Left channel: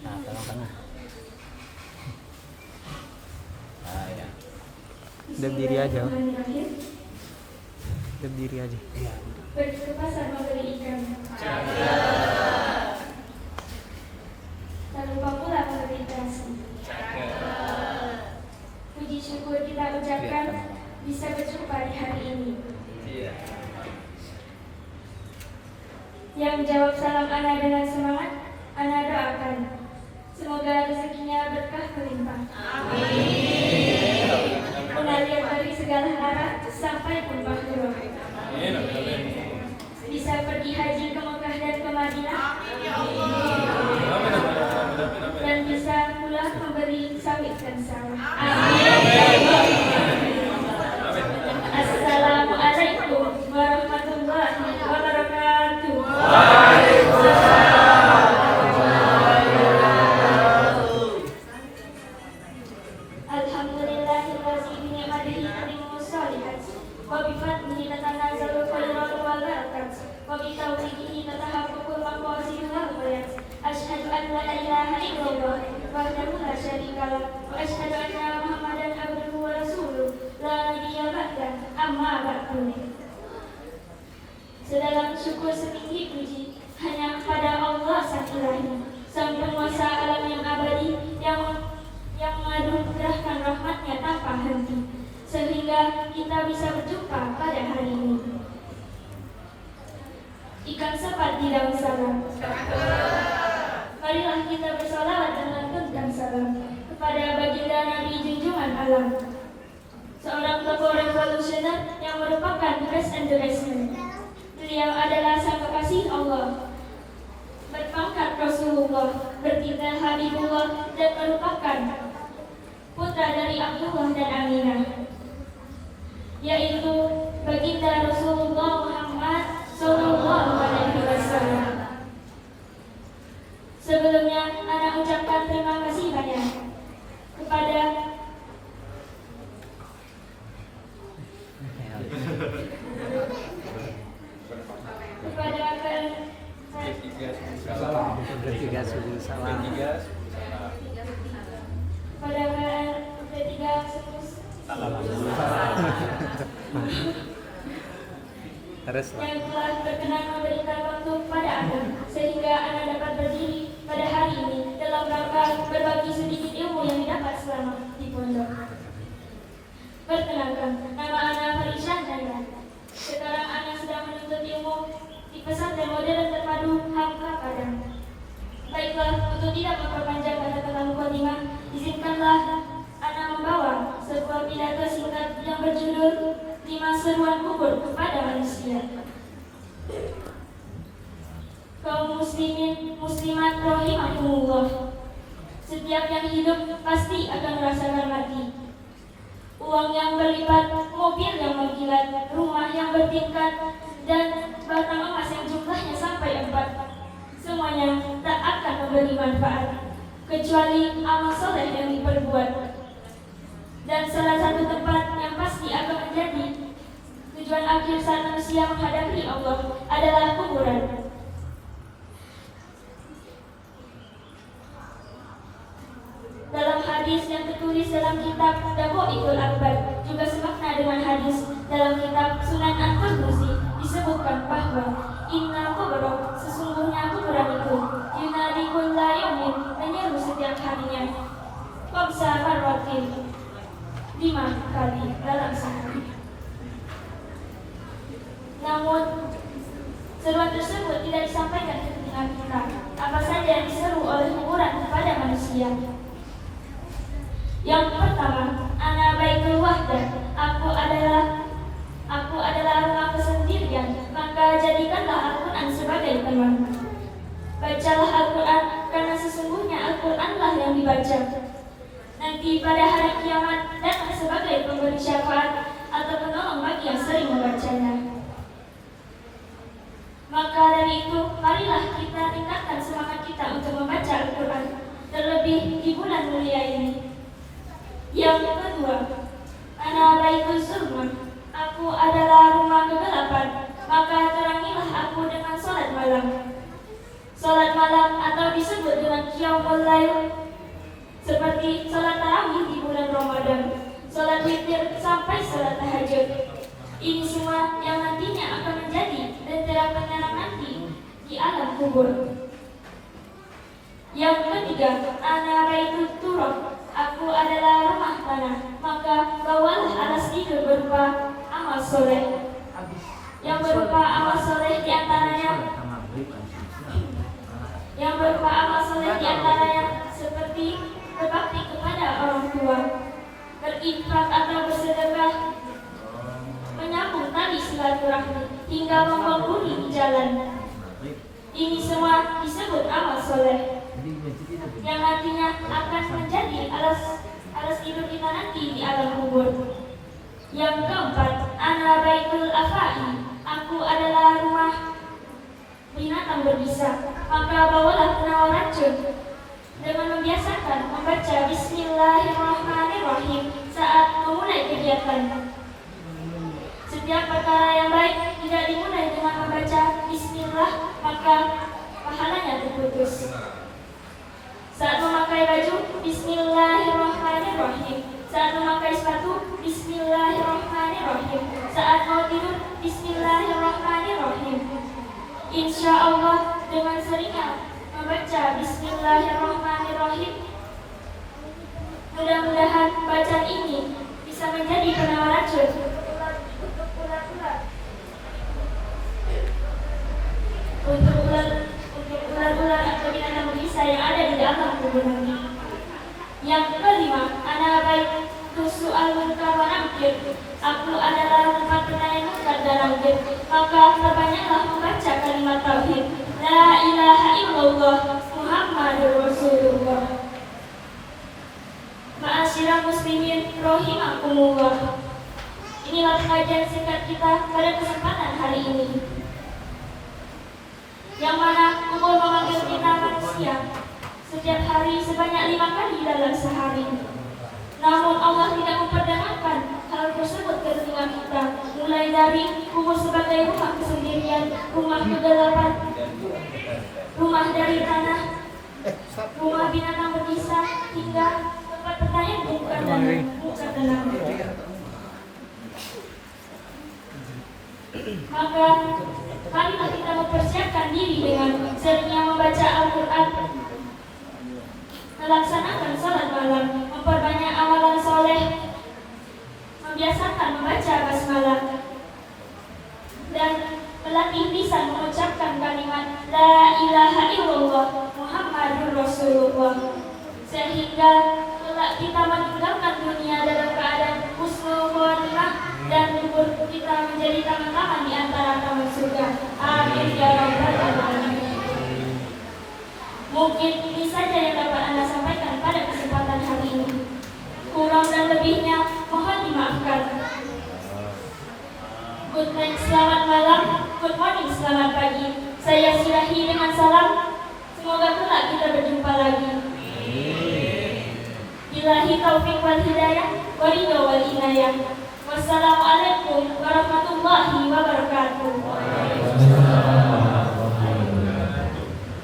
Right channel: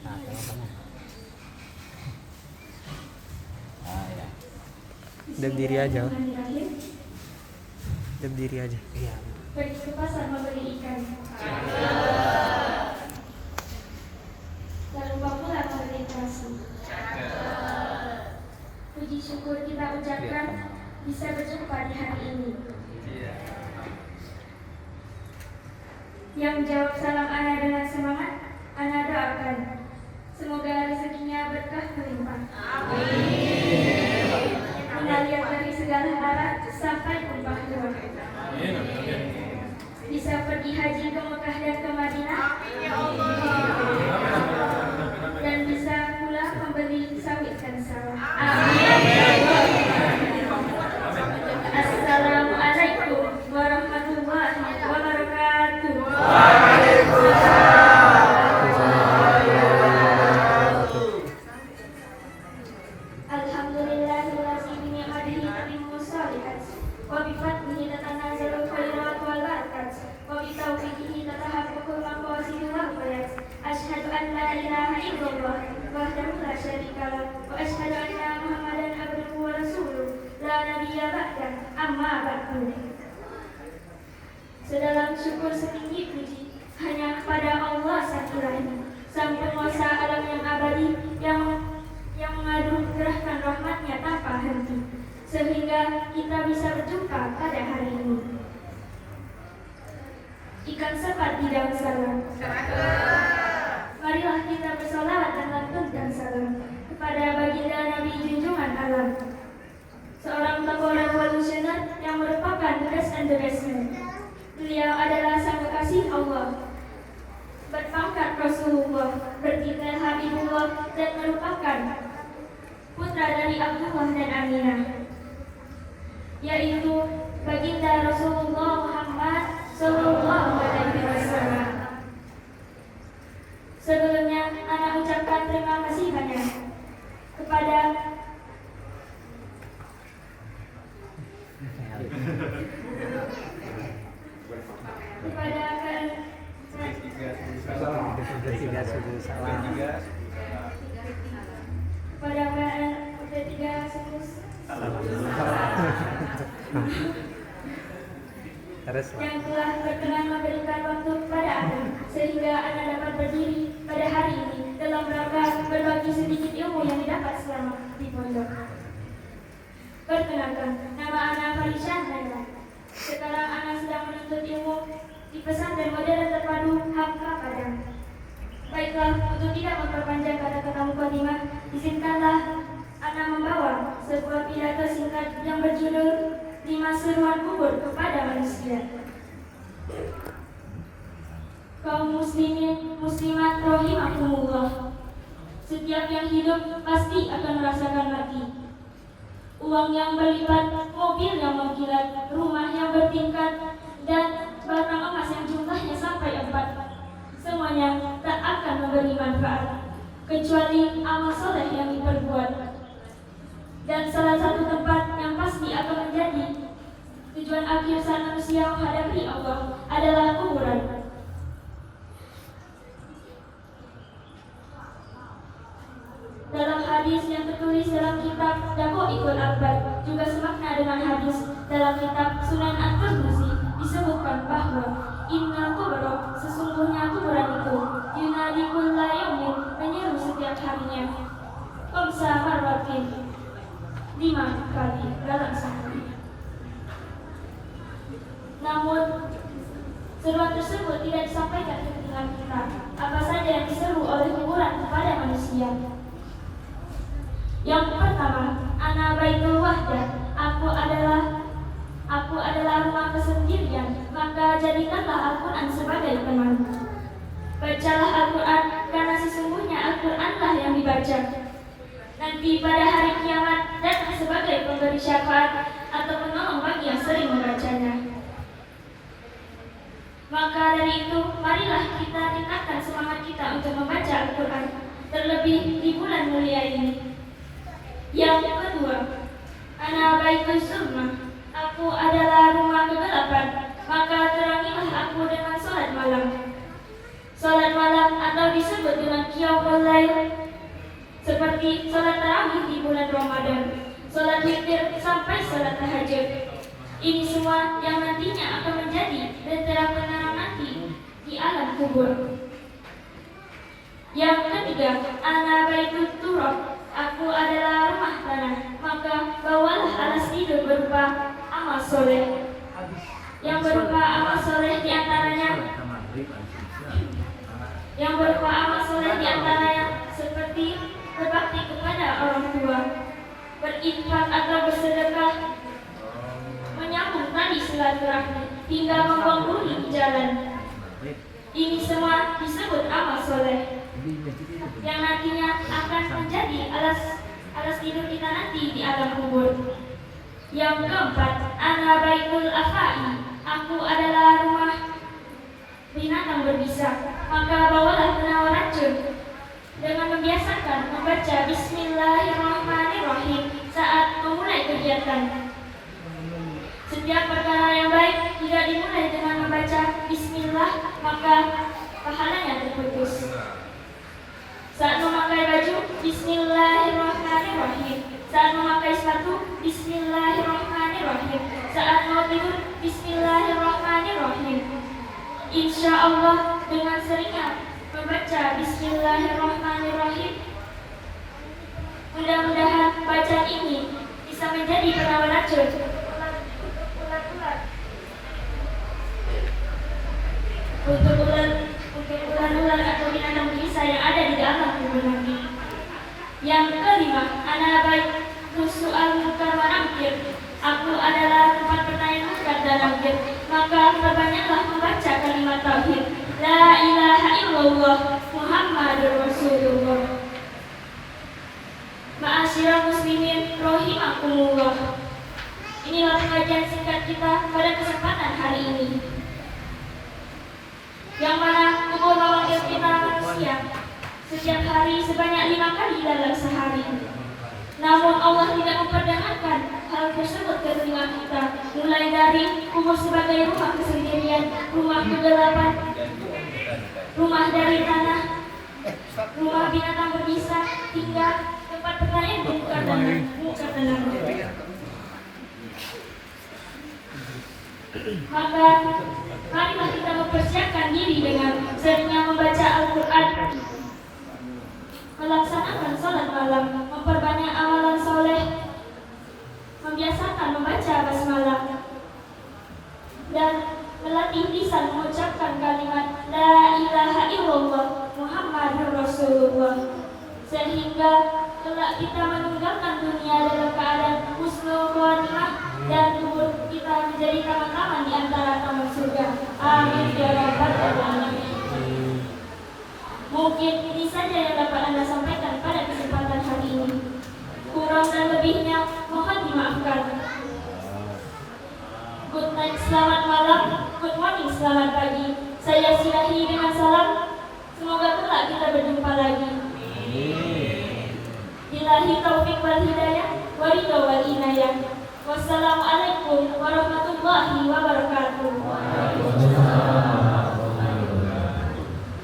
Nah, tengah-tengah. Nah, ya. Diam diri aja. Diam diri aja. Iya. Pergi ke pasar membeli ikan. Tak lupa pula membeli terasi. Puji syukur kita ucapkan bisa berjumpa di hari ini. Yang jawab salam Ana dengan semangat, Ana doakan semoga rezekinya berkah melimpah. Amin. Mengalir dari segala arah sampai tumpah ruah. Bisa pergi haji ke Mekah dan ke Madinah. Dan bisa pula membeli sawit dan sawah. Amin. Assalamualaikum warahmatullahi wabarakatuh. Alhamdulillahillazi bi ni'matihi tatimmu shalihat wa bi fadlihi tatanazzalu khairat wal barakat wa bi tawfiqihi tatahaqqaqul maqasid wal ghayat. Asyhadu an la ilaha illallah wahdahu la syarika lah wa asyhadu anna Muhammadan abduhu wa rasuluh la nabiyya ba'dah amma ba'du. Sedalam syukur setinggi puji hanya kepada Allah Sang Ilahi, Sang Penguasa alam yang abadi, yang menganugerahkan rahmatnya tanpa henti, sehingga kita bisa berjumpa pada hari ini. Ikan sepat di dalam salam. Marilah kita bersolawat dan lantunkan salam kepada baginda Nabi junjungan alam, seorang tokoh revolusioner yang merupakan best endorsement. Beliau adalah sang kekasih Allah, berpangkat Rasulullah, bertitel Habibullah, dan merupakan putra dari Abdullah dan Aminah, yaitu baginda Rasulullah Muhammad Sallallahu Alaihi Wasallam. Sebelumnya, Ana ucapkan terima kasih banyak kepada Bertiga subuh salam. pada ketiga subuh Salam. Terus yang telah berkenan memberikan waktu kepada Ana sehingga Ana dapat berdiri pada hari ini dalam rangka berbagi sedikit ilmu yang didapat selama di pondok. Perkenalkan, nama Ana Farisha Naila. Sekarang Ana sedang menuntut ilmu di pesantren modern terpadu Hamka Padang. Baiklah, untuk tidak memperpanjang kata-kata mukadimah, izinkanlah Ana membawa sebuah pidato singkat yang berjudul 5 seruan kubur kepada manusia. Kaum muslimin, muslimat rahimakumullah. Setiap yang hidup pasti akan merasakan mati. Uang yang berlipat, mobil yang mengkilat, rumah yang bertingkat, dan batang emas yang jumlahnya sampai 4. Semuanya tak akan memberi manfaat kecuali amal soleh yang diperbuat. Dan salah satu tempat yang pasti akan menjadi tujuan akhir saat manusia menghadapi Allah adalah kuburan. Dalam hadis yang tertulis dalam kitab Dawaikul Akbar, juga semakna dengan hadis dalam kitab Sunan At-Tirmizi, disebutkan bahwa innal kubra, sesungguhnya kuburan itu, yunadikul layumin, menyeru setiap harinya, qamsa marwatin, 5 kali dalam sehari. Namun seruan tersebut tidak disampaikan ke telinga kita. Apa saja yang diseru oleh kuburan kepada manusia? Yang pertama, ana baitul wahdah, aku adalah rumah kesendirian, maka jadikanlah Al-Quran sebagai teman. Bacalah Al-Quran, karena sesungguhnya Al-Quranlah yang dibaca. Nanti pada hari kiamat datang sebagai pemberi syafaat atau penolong bagi yang sering membacanya. Maka dari itu, marilah kita tingkatkan semangat kita untuk membaca Al-Quran, terlebih di bulan mulia ini. Yang kedua, ana baitul zulmah, aku adalah rumah kegelapan, maka terangilah aku dengan sholat malam. disebut dengan qiyamul lail, seperti salat tarawih di bulan Ramadan, salat witir sampai salat tahajud. Ini semua yang nantinya akan menjadi lentera penerang nanti di alam kubur. Yang ketiga, ana baitut turab, aku adalah rumah tanah, maka bawalah alas tidur berupa amal soleh. Yang berupa amal soleh diantaranya seperti berbakti kepada orang tua, berinfak atau bersedekah, menyambung tali silaturahmi, hingga membangun jalan. Ini semua disebut amal soleh yang nantinya akan menjadi alas tidur kita nanti di alam kubur. Yang keempat, ana baitul afai, aku adalah rumah binatang berbisa, maka bawalah penawar racun dengan membiasakan membaca Bismillahirrahmanirrahim saat memulai kegiatan. Setiap perkara yang baik tidak dimulai dengan membaca Bismillah, maka pahalanya terputus. Saat memakai baju, Bismillahirrahmanirrahim. Saat memakai sepatu, Bismillahirrahmanirrahim. Saat mau tidur, Bismillahirrahmanirrahim. Insya Allah dengan seringnya membaca Bismillahirrahmanirrahim, mudah-mudahan bacaan ini bisa menjadi penawar racun untuk ular-ular atau binatang berbisa yang ada di dalam kubur nanti. Yang kelima, ana baitu su'al munkar wa nakir, aku adalah tempat pertanyaan munkar dan nakir, maka perbanyaklah membaca kalimat tauhid, la ilaha illallah Muhammadur Rasulullah. Ma'asyiral muslimin rahimakumullah. Inilah pengajian singkat kita pada kesempatan hari ini, yang mana umur memanggil kita manusia setiap hari sebanyak 5 kali dalam sehari. Namun Allah tidak memperdengarkan hal tersebut ke telinga kita, mulai dari kubur sebagai rumah kesendirian, rumah kegelapan, rumah dari tanah, rumah binatang berbisa, hingga tempat pertanyaan bukan muka dan langit. Maka marilah kita mempersiapkan diri dengan seringnya membaca Al-Quran, melaksanakan salat malam, memperbanyak amalan soleh, membiasakan membaca basmalah, dan melatih lisan mengucapkan kalimat la ilaha illallah Muhammadur Rasulullah, sehingga kelak kita meninggalkan dunia dalam keadaan husnul khotimah dan kubur kita menjadi taman-taman di antara taman surga. Amin ya rabbal alamin. Mungkin ini saja yang dapat Anda sampaikan pada kesempatan hari ini. Kurang dan lebihnya mohon dimaafkan. Good night, selamat malam. Good morning, selamat pagi. Saya silahi dengan salam. Semoga kelak kita berjumpa lagi. Billahi taufiq wal hidayah, waridho wal inayah. Wassalamualaikum warahmatullahi wabarakatuh.